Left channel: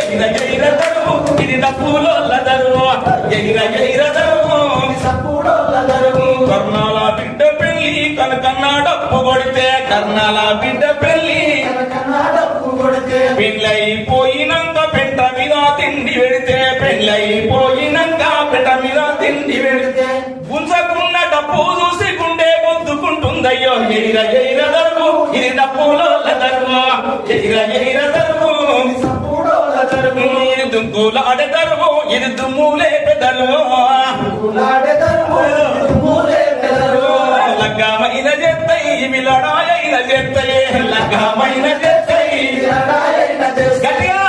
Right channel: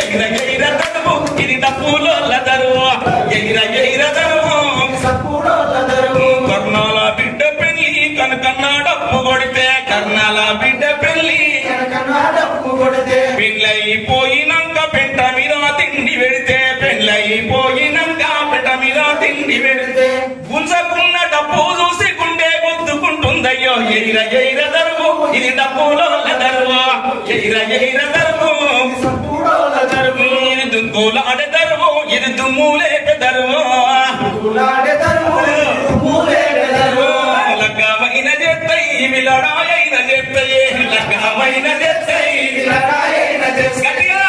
ఎగిర ఎగిర దరువు ఇది తప్పులోళ్ళ దరువు ఎగిర ఎగిర దరువు సప్పులోళ్ళ దరువు కర్ణాల బిడ్డ పెళ్లి కనకన్నా డప్పు కొడితే కర్ణాల బిడ్డ పెళ్లి కనకన్నా డప్పు కొడితే పెళ్ళైపోయినాక పెంట మీద తిండి పెడితే పెళ్ళైపోయినాక పెంట మీద తిండి పెడితే గుంజకున్న డప్పు చూసి గుండె గుద్దుకుంటుందయ్యో ఎగిర ఎగిర దరువు ఇది డప్పులోళ్ళ దరువు ఎగిర ఎగిర దరువు ఇది దుంకులాడే దరువు ఇది దుమ్ములే పెదరువు లగ్గమైన చేస్తాయి ఇవి లడాయైన చేస్తాయి లగ్గమైన చేస్తాయి గట్టిగా